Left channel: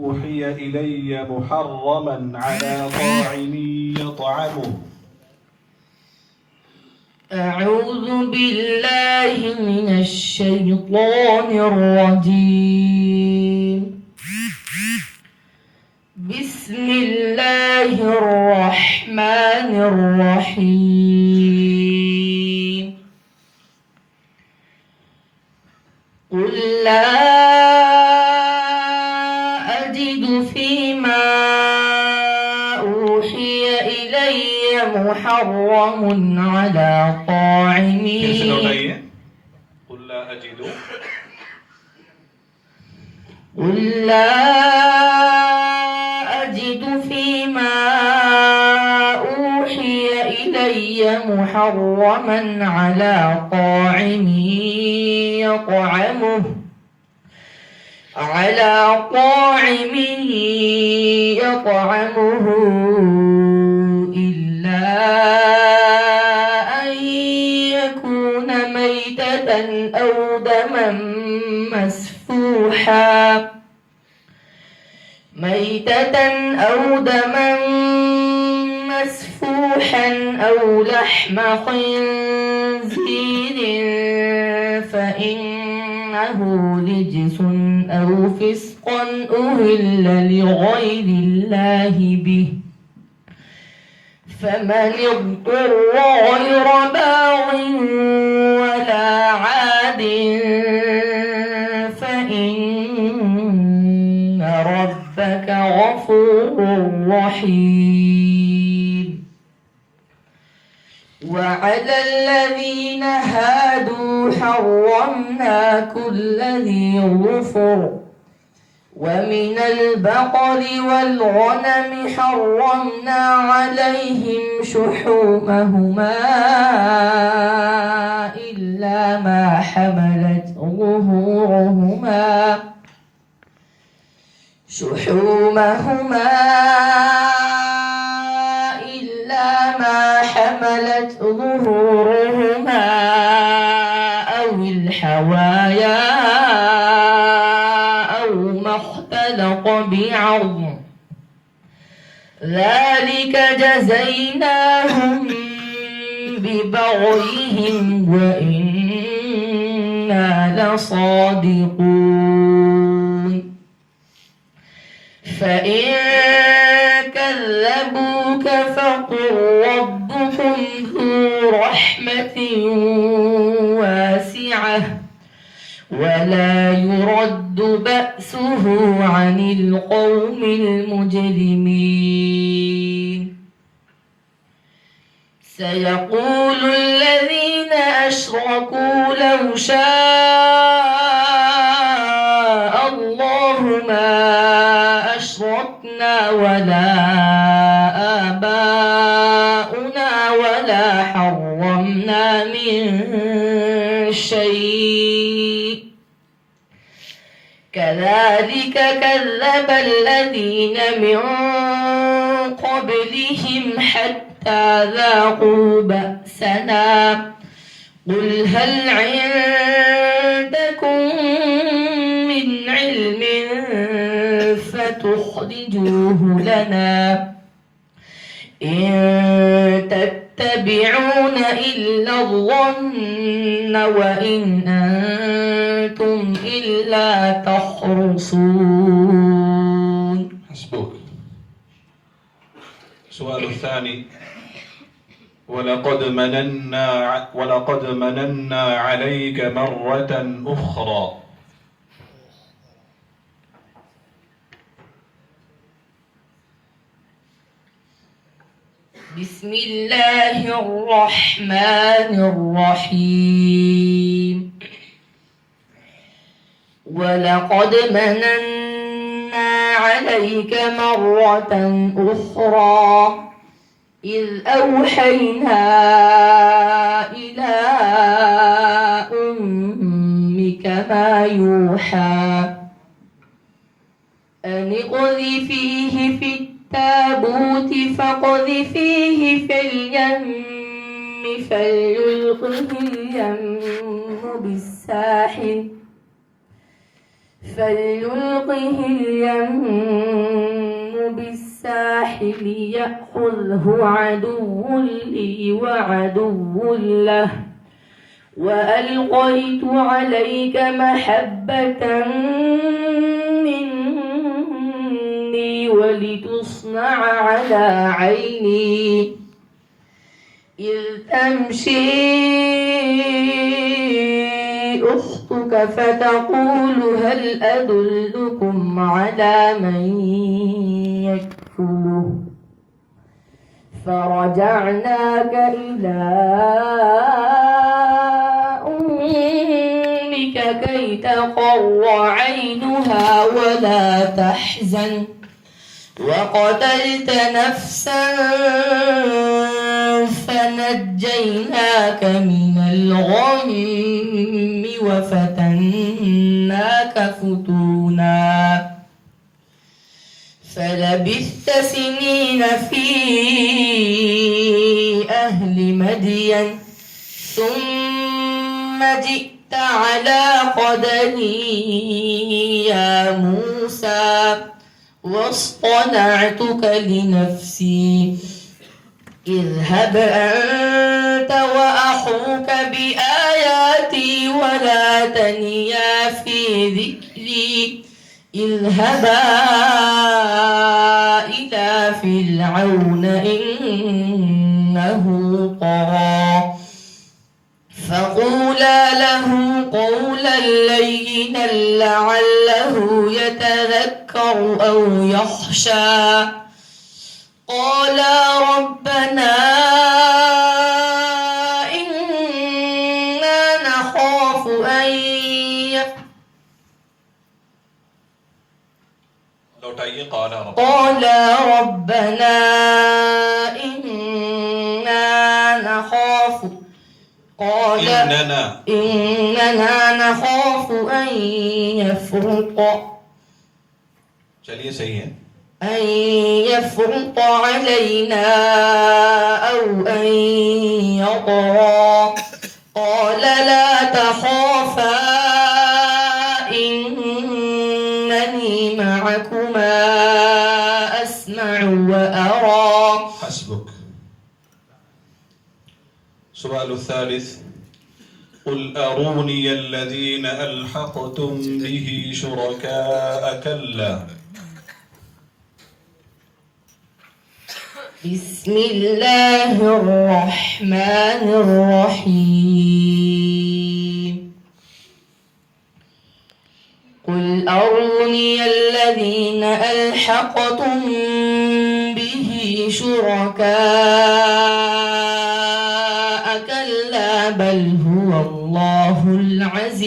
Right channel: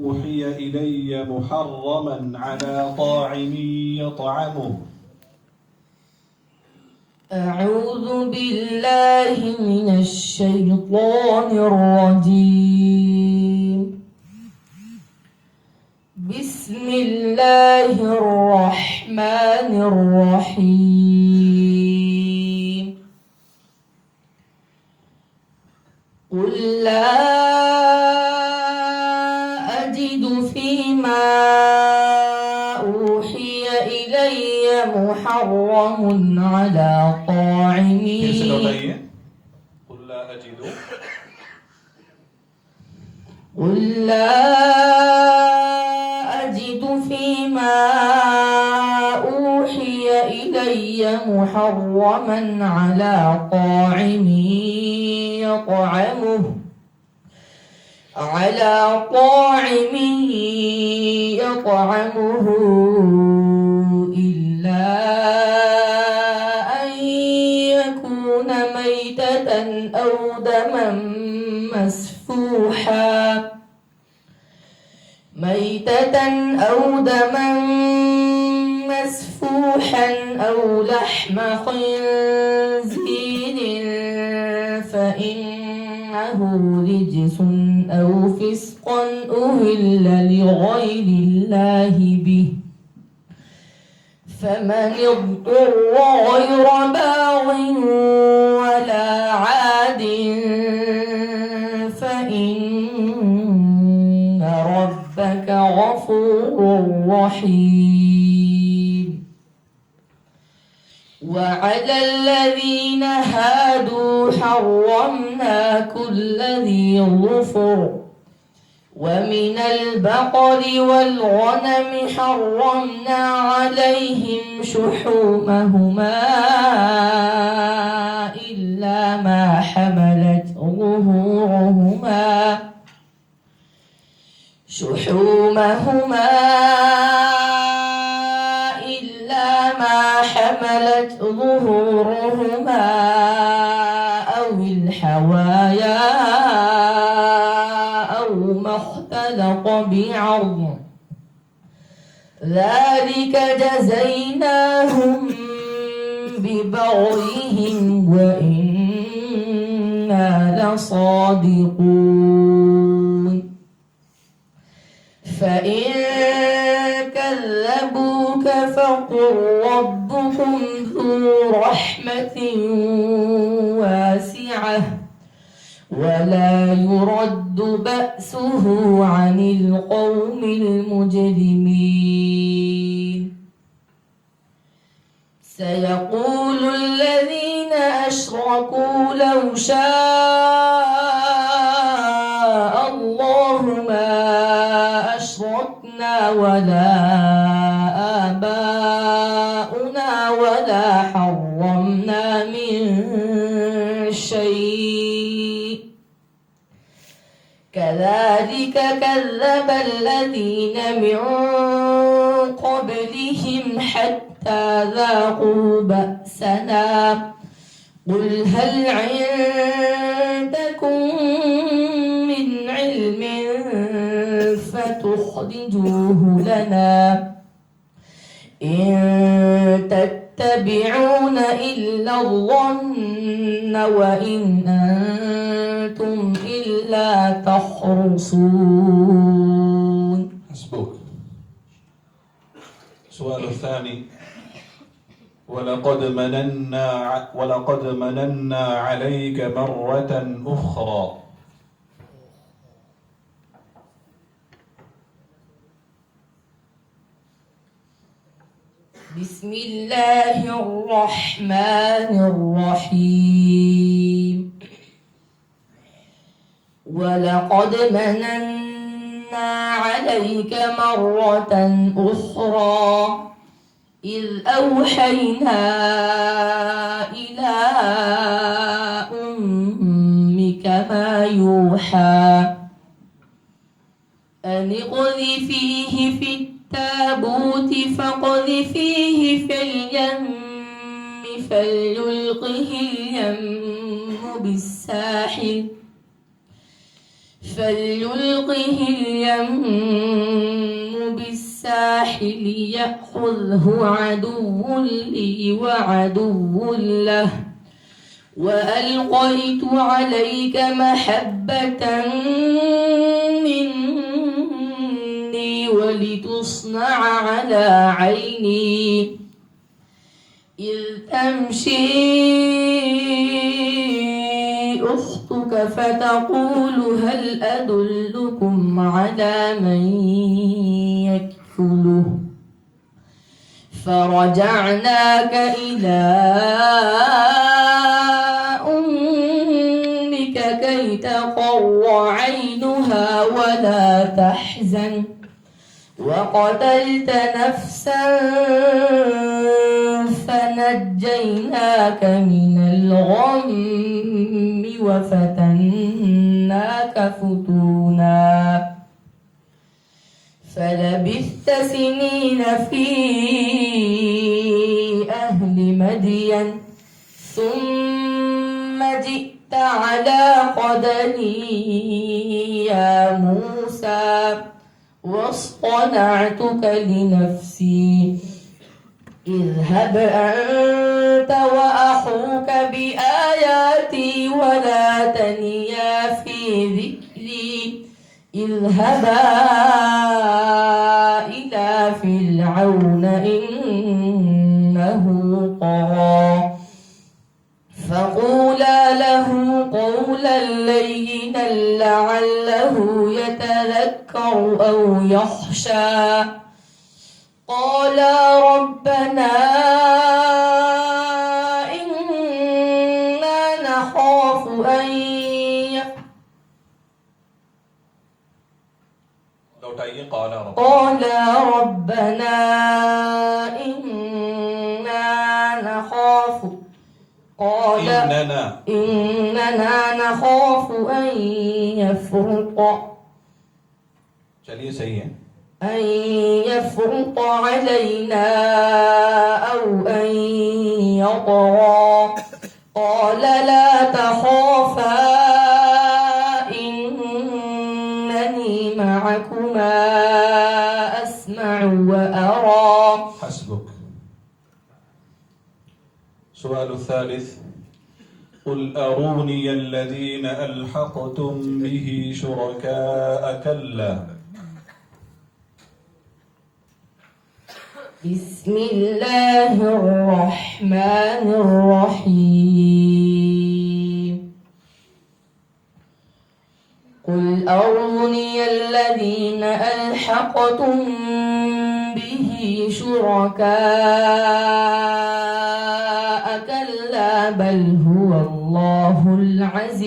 أوحي إلي محرما على طاعم يطعمه. أعوذ بالله من الشيطان الرجيم. بسم الله الرحمن الرحيم. قل لا أجد فيما أوحي إلي محرم على طاعم. قل لا أجد قل لا أجد فيما أوحي إلي محرما على طاعم يطعمه إلا أن يكون ميتة أو دما مسفوحا أو لحم خنزير فإنه رجس أو فسقا أهل لغير الله به، فمن اضطر غير باغ ولا عاد فإن ربك غفور رحيم. وعلى الذين هادوا حرمنا كل ذي ظفر، ومن البقر والغنم حرمنا عليهم شحومهما إلا ما حملت ظهورهما أو الحوايا أو ما اختلط بعظم، ذلك جزيناهم ببغيهم وإنا لصادقون. فإن كذبوك فقل ربكم ذو رحمة واسعة ولا يرد بأسه عن القوم المجرمين. سيقول الذين أشركوا لو شاء الله ما أشركنا ولا آباؤنا ولا حرمنا من شيء، كذلك كذب الذين من قبلهم حتى ذاقوا بأسنا. قل هل عندكم من علم فتخرجوه لنا؟ إن تتبعون إلا الظن وإن أنتم إلا تخرصون. حسبك. السؤال الثاني: ولقد مننا عليك مرة أخرى. بسم الله الرحمن الرحيم. ولقد مننا عليك مرة أخرى إذ أوحينا إلى أمك ما يوحى أن اقذفيه في التابوت فاقذفيه في اليم فليلقه اليم بالساحل فليلقه اليم بالساحل يأخذه عدو لي وعدو له وألقيت عليك محبة مني ولتصنع على عيني إذ تمشي أختك فتقول هل أدلكم على من يكفله فرجعناك إلى أمك كي تقر عينها ولا تحزن وقتلت نفسا فنجيناك من الغم وفتناك فتونا فلبثت سنين في أهل مدين ثم جئت على قدري يا موسى واصطنعتك لنفسي اذهب أنت وأخوك بآياتي ولا تنيا في ذكري اذهبا إلى فرعون إنه طغى فقولا له قولا لينا لعله يتذكر أو يخشى قالا ربنا إنا نخاف أن قال ربنا إننا نخاف أن يفرط चलिए सही है أن يفرط علينا أو أن يطغى قال لا تخافا إنني معكما أسمع وأرى حسبك السؤال الثالث قل أروني الذين ألحقتم به شركاء كلا بسم الله الرحمن الرحيم قل أروني الذين ألحقتم به شركاء كلا بل هو الله العزيز